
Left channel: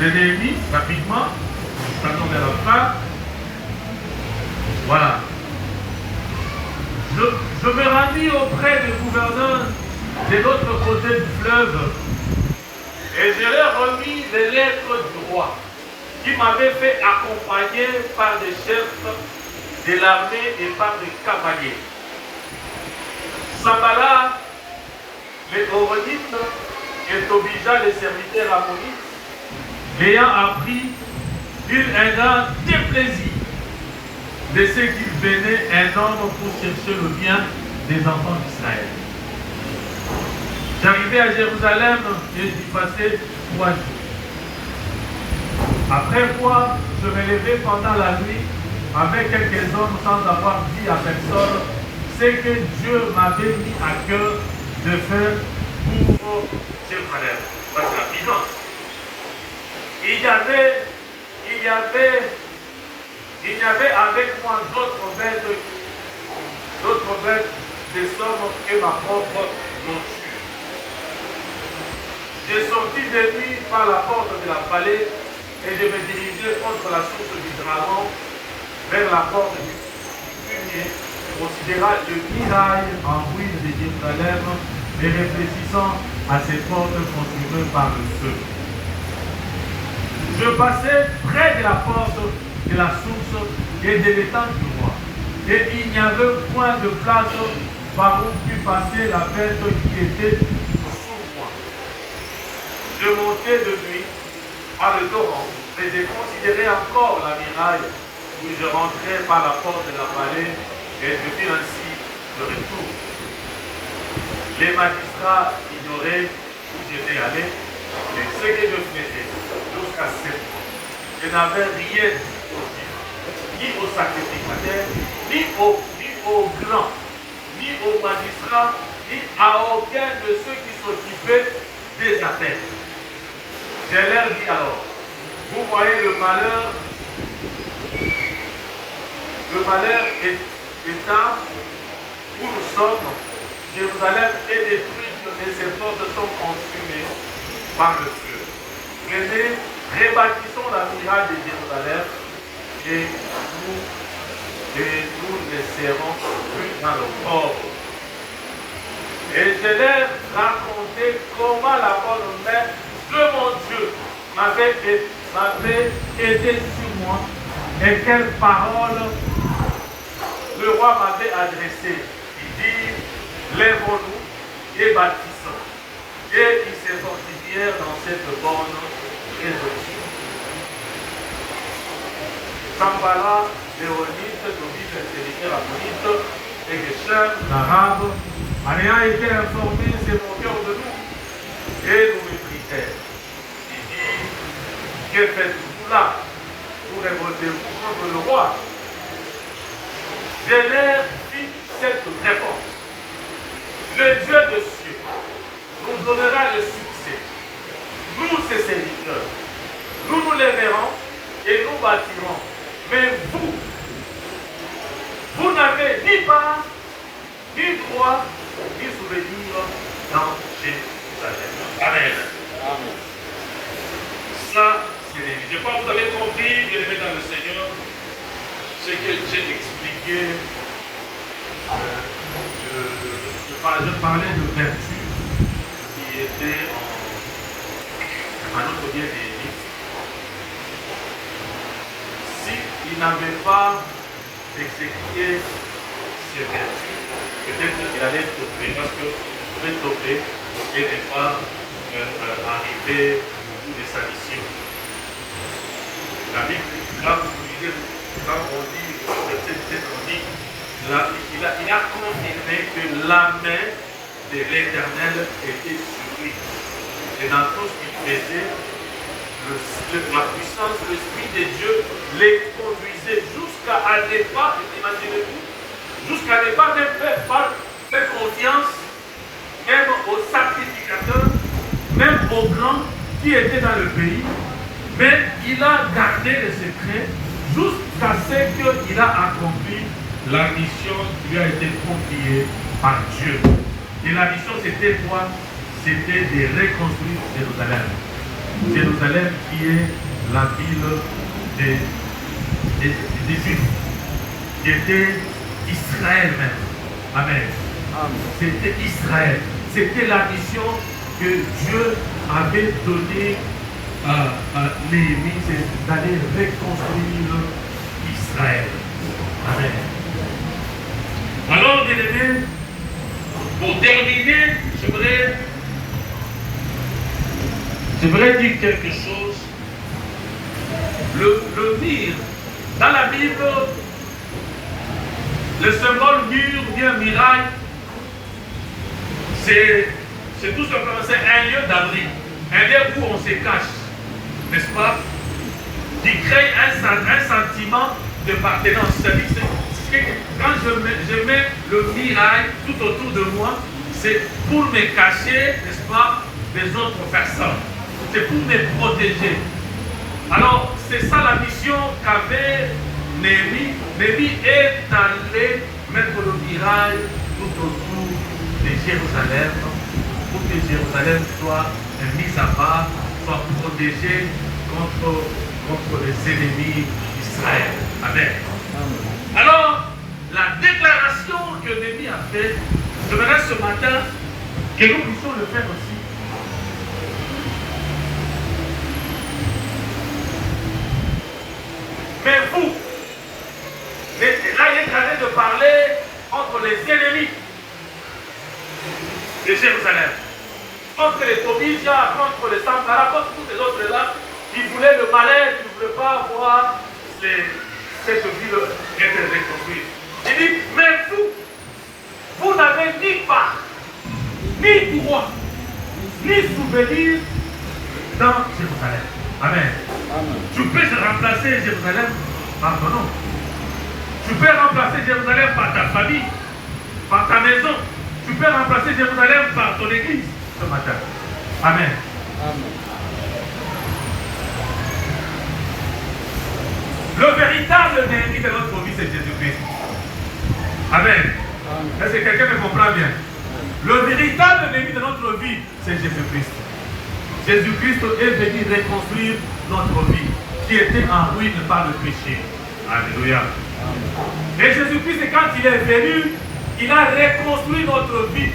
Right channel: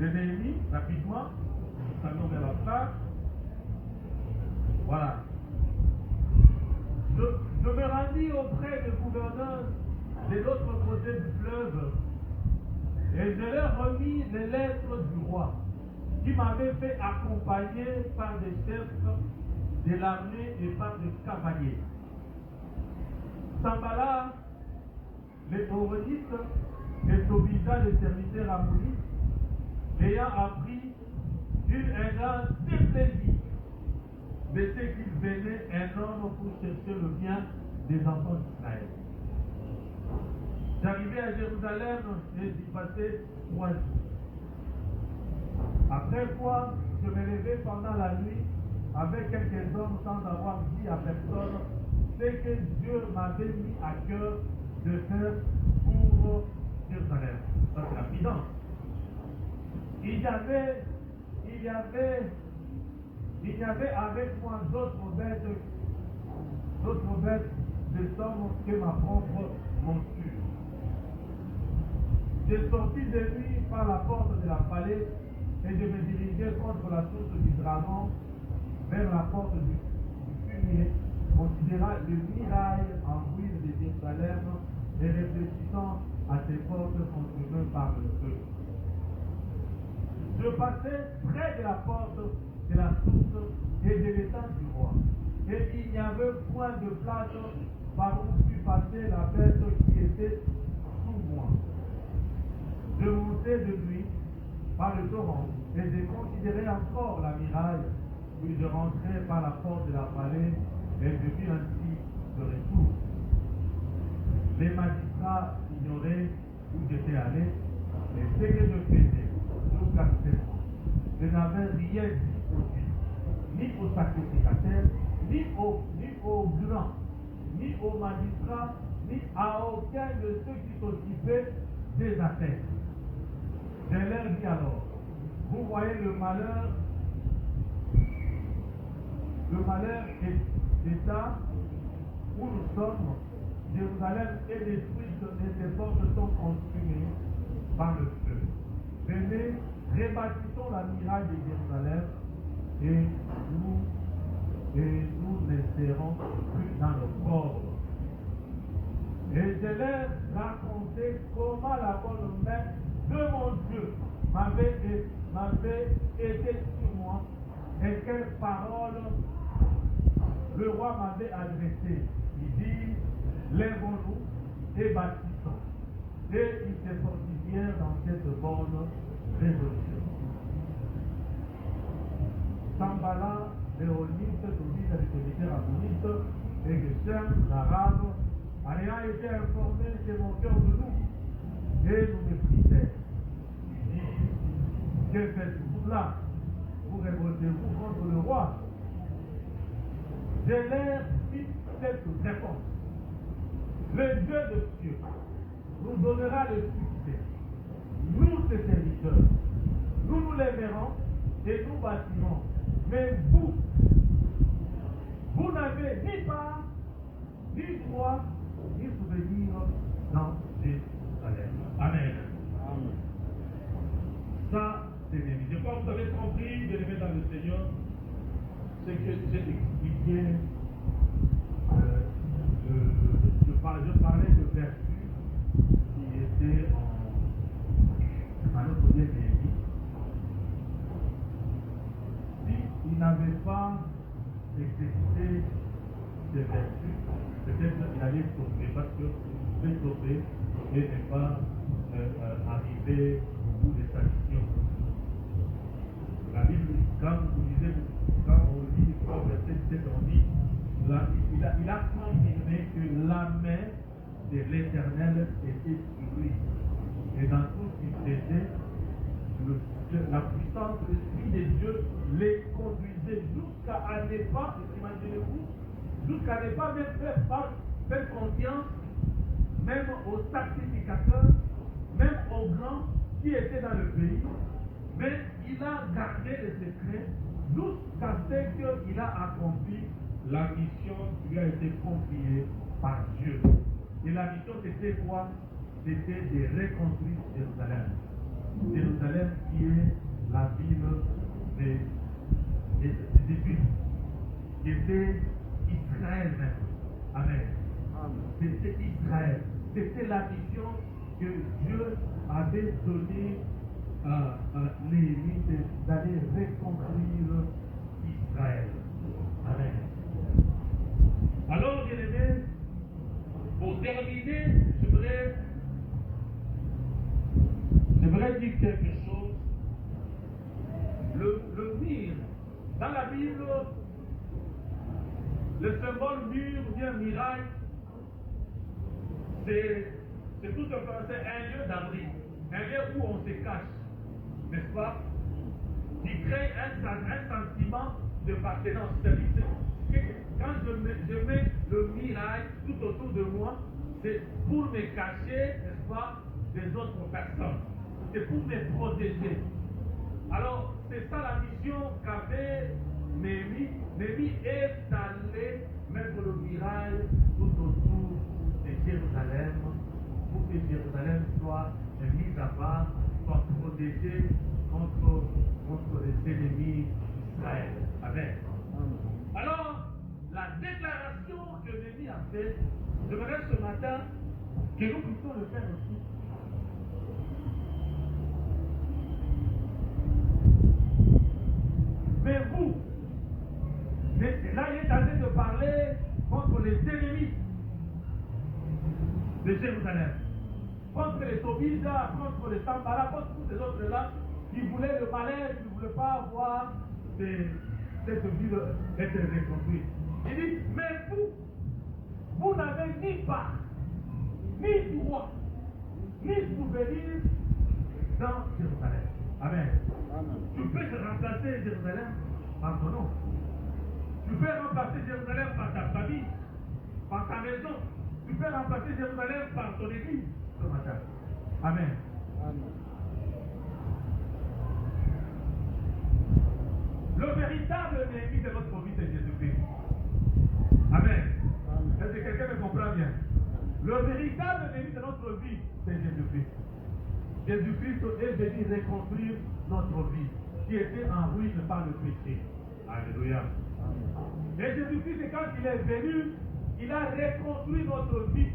2 de Néhémie, rapidement, nous allons vers la fin. Voilà. Je me rendis auprès du gouverneur de l'autre côté du fleuve et je leur remis les lettres du roi qui m'avaient fait accompagner par des chefs de l'armée et par des cavaliers. Sambala, les Horonite, et Tobija, les serviteurs ammonites, ayant appris, eurent un grand déplaisir de ce qu'il venait un homme pour chercher le bien des enfants d'Israël. J'arrivai à Jérusalem et j'y passai 3 jours. Après quoi, je me levai pendant la nuit avec quelques hommes sans avoir dit à personne ce que Dieu m'avait mis à cœur de faire pour Jérusalem. Parce que rapidement, il y avait avec moi d'autres bêtes des sommes que ma propre monture. J'ai sorti de nuit par la porte de la vallée et je me dirigeais contre la source du dragon vers la porte du fumier, considérant le mirail en ruine de Jérusalem et réfléchissant à ces portes consumées par le feu. Je passais près de la porte de la source et de l'étang du roi. Et il n'y avait point de place par où put passer la bête qui était sous moi. Je montais de nuit par le torrent, mais j'ai considéré encore la muraille où je rentrais par la porte de la vallée et je fis ainsi le retour. Les magistrats ignoraient où j'étais allé et ce que je faisais jusqu'à 7 mois. Je n'avais rien dit aux Juifs, ni aux sacrificateurs, ni aux grands, ni aux magistrats, ni à aucun de ceux qui s'occupaient des affaires. Je leur dis alors, vous voyez le malheur étant où nous sommes, Jérusalem est détruite et ses portes sont consumées par le feu. Venez, rebâtissons la muraille de Jérusalem et nous ne serons plus dans le pauvre. Et je leur racontais comment la bonne mère de mon Dieu m'avait aidé sur moi et quelles paroles le roi m'avait adressées. Il dit, lèvons-nous et bâtissons. Et ils se fortifièrent dans cette bonne résolution. Sambala, Léonite, Tobit, le serviteur ammonite, et Geshem, l'arabe, en ayant été informés, se moquèrent de nous et nous méprisèrent. Il dit, que faites-vous là? Vous révoltez-vous contre le roi? Je leur dis cette réponse. Le Dieu de cieux nous donnera le succès. Nous, ses serviteurs, nous nous lèverons et nous bâtirons. Mais vous n'avez ni part, ni droit, ni souvenir dans Jérusalem. Amen. Amen. Ça, c'est l'église. Je crois que vous avez compris, bien aimé dans le Seigneur, ce que j'ai expliqué. Je parlais de vertu qui était en notre bien aimé. S'il n'avait pas exécuté ces vertus, peut-être qu'il allait tomber, parce que vous pouvez tomber et ne pas arriver au bout de sa mission. La Bible, là vous lisez, quand on dit, verset 17, on dit, là, il a confirmé que la main de l'Éternel était sur lui. Et dans tout ce qu'il faisait, la puissance, l'Esprit de Dieu les conduisait jusqu'à ne pas, imaginez-vous, jusqu'à ne pas même faire confiance, même aux sacrificateurs, même aux grands qui étaient dans le pays. Mais il a gardé le secret jusqu'à ce qu'il a accompli la mission qui lui a été confiée par Dieu. Et la mission, c'était quoi? C'était de reconstruire Jérusalem. Jérusalem qui est la ville des Juifs, qui était Israël même. Amen. C'était Israël. C'était la mission que Dieu avait donnée à Néhémie, c'est d'aller reconstruire Israël. Amen. Alors, bien aimés, pour terminer, j'aimerais dire quelque chose. Le mur, dans la Bible, le symbole mur ou bien muraille, c'est tout simplement un lieu d'abri, un lieu où on se cache, n'est-ce pas? Qui crée un sentiment de d'appartenance. Quand je mets le muraille tout autour de moi, c'est pour me cacher, n'est-ce pas, des autres personnes. C'est pour me protéger. Alors, c'est ça la mission qu'avait Néhémie. Néhémie est allé mettre le muraille tout autour de Jérusalem pour que Jérusalem soit mise à part, soit protégée contre les ennemis d'Israël. Amen. Alors, la déclaration que Néhémie a faite, j'aimerais ce matin que nous puissions le faire aussi. Mais vous, là il est en train de parler contre les ennemis de Jérusalem, contre les Tobija, contre les Sampara, contre tous les autres là qui voulaient le malheur, qui ne voulaient pas voir cette ville être reconstruite. Il dit, mais vous n'avez ni part, ni droit, ni souvenir dans Jérusalem. Amen. Amen. Tu peux remplacer Jérusalem par ton nom. Tu peux remplacer Jérusalem par ta famille, par ta maison. Tu peux remplacer Jérusalem par ton église ce matin. Amen. Amen. Le véritable ennemi de notre vie, c'est Jésus-Christ. Amen. Est-ce que quelqu'un me comprend bien? Le véritable ennemi de notre vie, c'est Jésus-Christ. Jésus-Christ est venu reconstruire notre vie, qui était en ruine par le péché. Alléluia. Et Jésus-Christ, quand il est venu, il a reconstruit notre vie.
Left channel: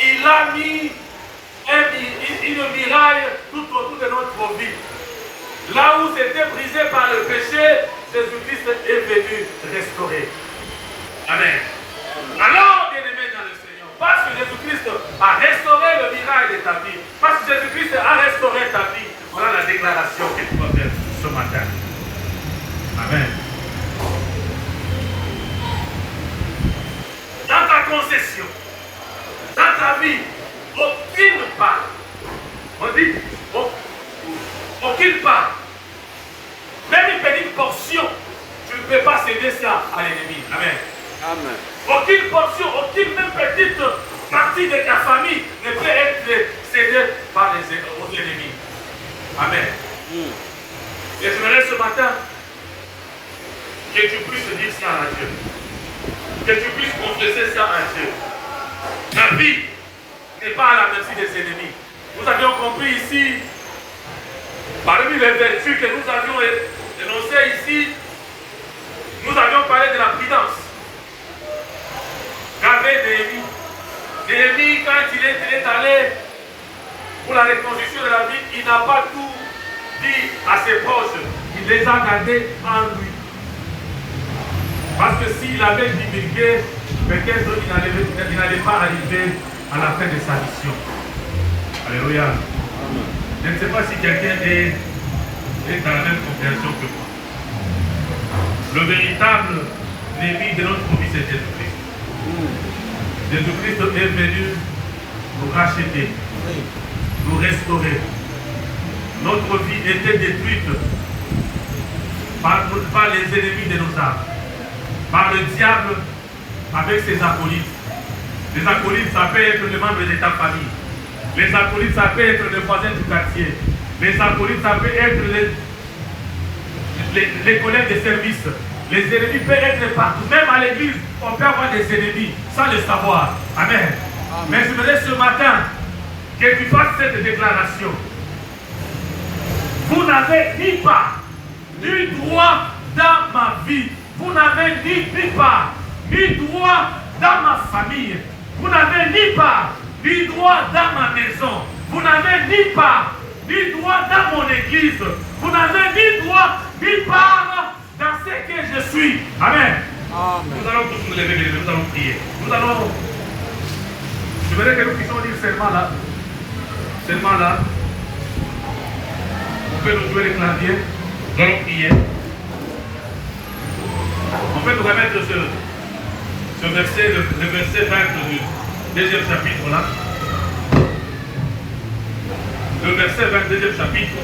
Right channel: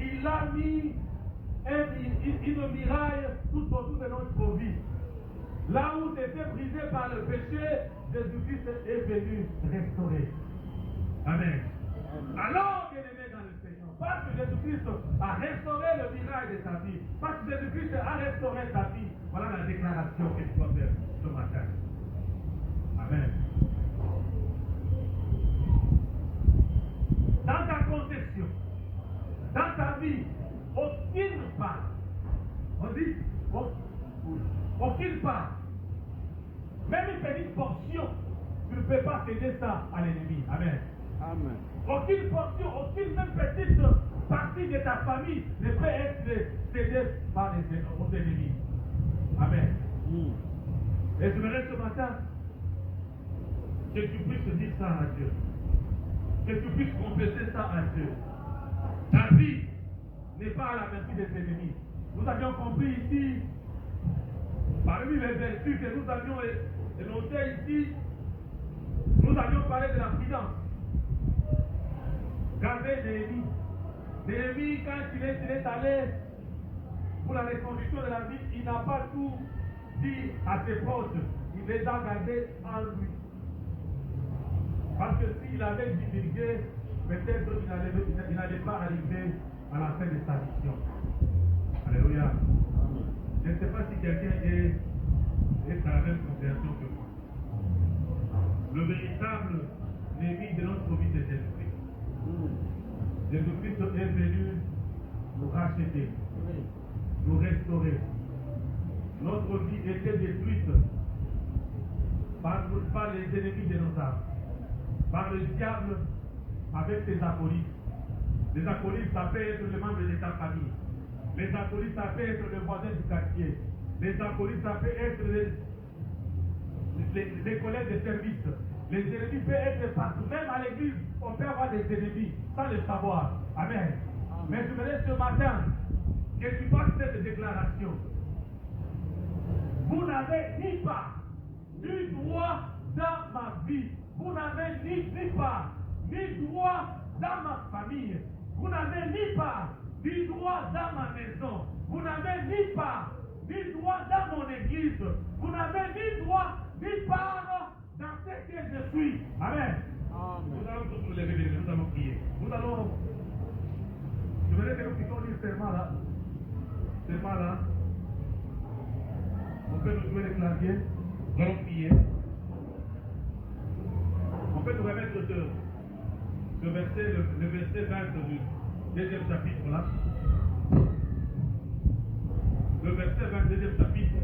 Il a mis une muraille tout autour de notre vie. Là où c'était brisé par le péché, Jésus-Christ est venu restaurer. Amen. Alors, bien-aimés dans le Seigneur, parce que Jésus-Christ a restauré le miracle de ta vie, parce que Jésus-Christ a restauré ta vie, voilà la déclaration que tu vas faire ce matin. Amen. Dans ta concession, dans ta vie, aucune part, on dit, aucune part, même une petite portion, tu ne peux pas céder ça à l'ennemi. Amen. Amen. Aucune portion, aucune même petite partie de ta famille ne peut être cédée par aux ennemis. Amen. Et j'aimerais ce matin que tu puisses dire ça à Dieu. Que tu puisses confesser ça à Dieu. La vie n'est pas à la merci des ennemis. Nous avions compris ici, parmi les vertus que nous avions énoncées ici, nous avions parlé de la prudence. Qu'avait Néhémie? Néhémie, quand il est allé pour la reconstruction de la ville, il n'a pas tout dit à ses proches. Il les a gardés en lui. Parce que s'il avait divulgué, peut-être il n'allait pas arriver à la fin de sa mission. Alléluia. Je ne sais pas si quelqu'un est dans la même compréhension que moi. Le véritable ennemi de notre vie, c'est Jésus-Christ. Jésus-Christ est venu nous racheter, nous restaurer. Notre vie était détruite par les ennemis de nos âmes, par le diable avec ses acolytes. Les acolytes, ça peut être les membres de ta famille. Les acolytes, ça peut être les voisins du quartier. Les acolytes, ça peut être les collègues de service. Les ennemis peuvent être partout. Même à l'église, on peut avoir des ennemis sans le savoir. Amen. Mais je voudrais ce matin que tu fasses cette déclaration. Vous n'avez ni part, ni droit dans ma vie. Vous n'avez ni part, ni droit dans ma famille. Vous n'avez ni part, ni droit dans ma maison. Vous n'avez ni part, ni droit dans mon église. Vous n'avez ni droit, ni part dans ce que je suis. Amen. Amen. Nous allons tous nous lever, nous allons prier. Nous allons... Je voudrais que nous puissions dire seulement là. Seulement là. On peut nous jouer les claviers. Nous allons prier. On peut nous remettre ce verset, le verset 20 du deuxième chapitre là. Le verset 22e chapitre.